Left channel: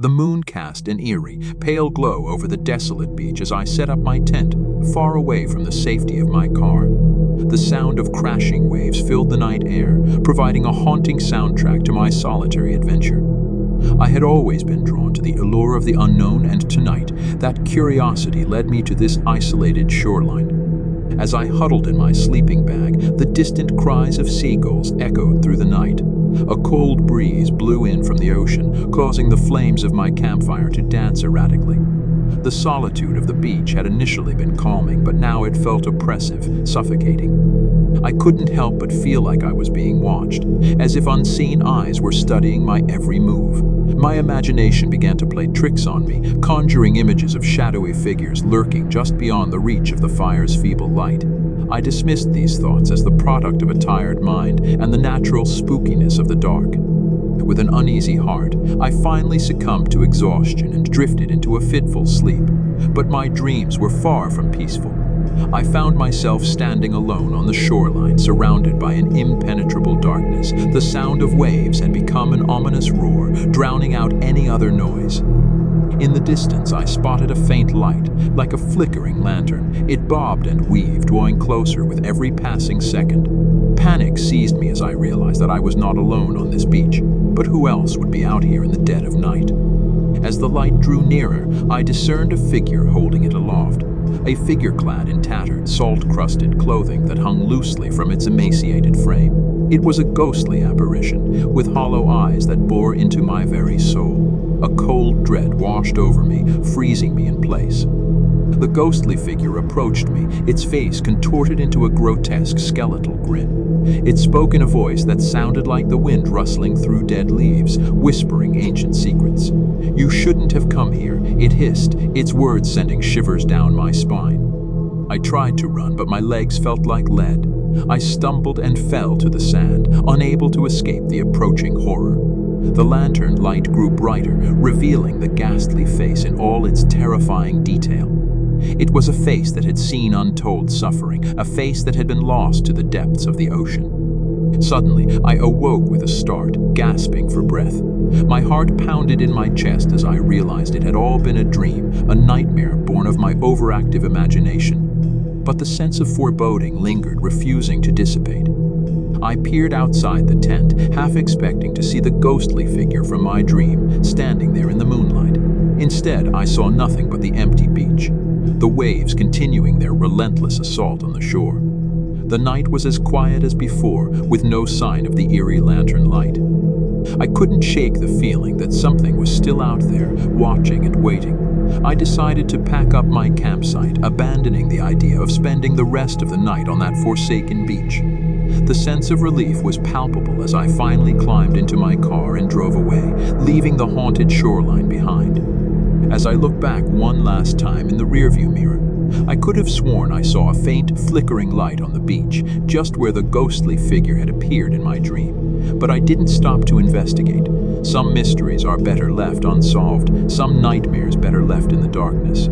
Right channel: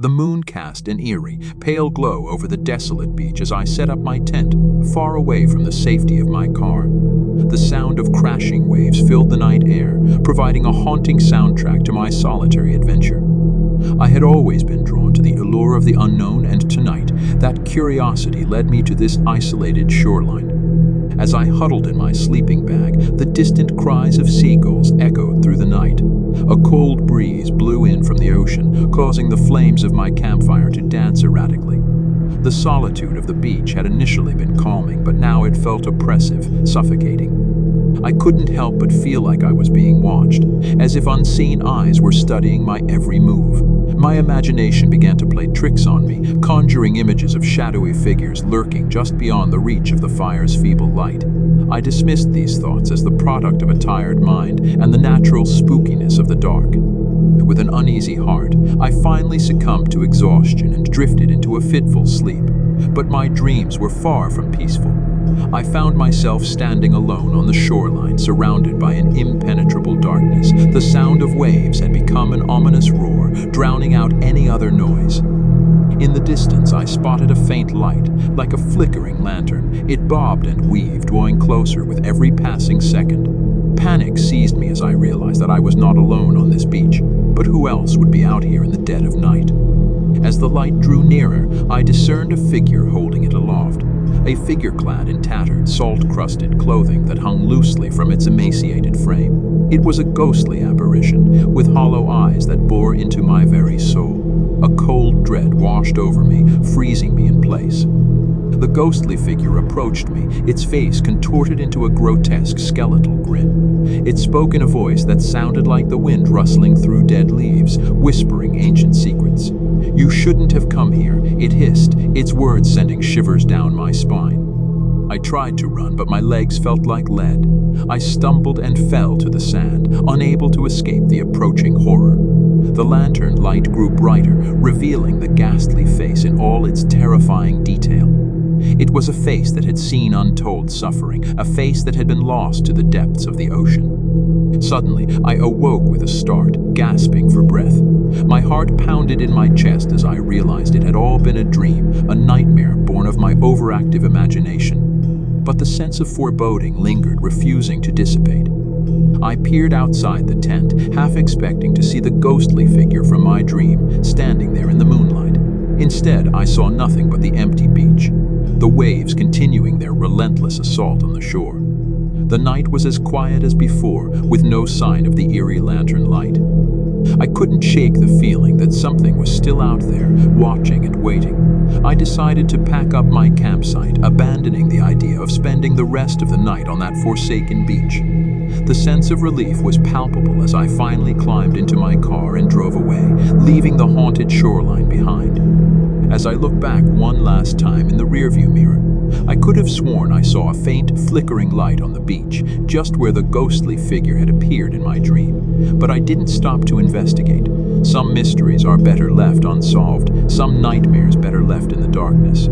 The moon cast an eerie, pale glow over the desolate beach as I set up my tent, far away from the safety of my car. The sound of crashing waves filled the night air, providing a haunting soundtrack to my solitary adventure. I had always been drawn to the allure of the unknown, and tonight, that curiosity led me to this isolated shoreline. As I huddled in my sleeping bag, the distant cries of seagulls echoed through the night. A cold breeze blew in from the ocean, causing the flames of my campfire to dance erratically. The solitude of the beach had initially been calming, but now it felt oppressive, suffocating. I couldn't help but feel like I was being watched, as if unseen eyes were studying my every move. My imagination began to play tricks on me, conjuring images of shadowy figures lurking just beyond the reach of the fire's feeble light. I dismissed these thoughts as the product of a tired mind and the natural spookiness of the dark. With an uneasy heart, I finally succumbed to exhaustion and drifted into a fitful sleep. But my dreams were far from peaceful. I found myself standing alone on the shoreline, surrounded by an impenetrable darkness. The sound of waves had become an ominous roar, drowning out any other noise. In the distance, I spotted a faint light, like a flickering lantern. It bobbed and weaved, drawing closer with every passing second. Panic seized me as I realized that I was not alone on this beach. But who else would be out here in the dead of night? As the light drew nearer, I discerned a figure holding it aloft. A figure clad in tattered, salt-crusted clothing that hung loosely from its emaciated frame. It was a ghostly apparition, with hollow eyes that bore into my very soul. A cold dread washed over me, freezing me in place. The ghostly figure approached me, its face contorted into a grotesque skeletal grin. It spoke in a voice that sounded like the wind rustling through dead leaves, whispering ancient secrets. "You shouldn't have come here," it hissed, its words sending shivers down my spine. I tried to run, but my legs felt like lead. I stumbled and fell to the sand, unable to escape the approaching horror. The lantern light grew brighter, revealing the ghastly face in all its terrifying detail. It was a face that had seen untold suffering, a face that had been lost to the depths of the ocean. Suddenly, I awoke with a start, gasping for breath. My heart pounded in my chest as I realized it had all been a dream, a nightmare born of my overactive imagination. But the sense of foreboding lingered, refusing to dissipate. I peered outside the tent, half expecting to see the ghostly figure from my dream, standing there in the moonlight. Instead, I saw nothing but the empty beach, the waves continuing their relentless assault on the shore. The night was as quiet as before, with no sign of the eerie lantern light. I couldn't shake the feeling that something was still out there, watching and waiting. I decided to pack up my campsite, abandoning the idea of spending the rest of the night on that forsaken beach. The sense of relief was palpable as I finally climbed into my car and drove away, leaving the haunted shoreline behind. As I looked back one last time in the rearview mirror, I could have sworn I saw a faint, flickering light on the beach, just where the ghostly figure had appeared in my dream. But I didn't stop to investigate. Some mysteries are better left unsolved, some nightmares better left in the darkness.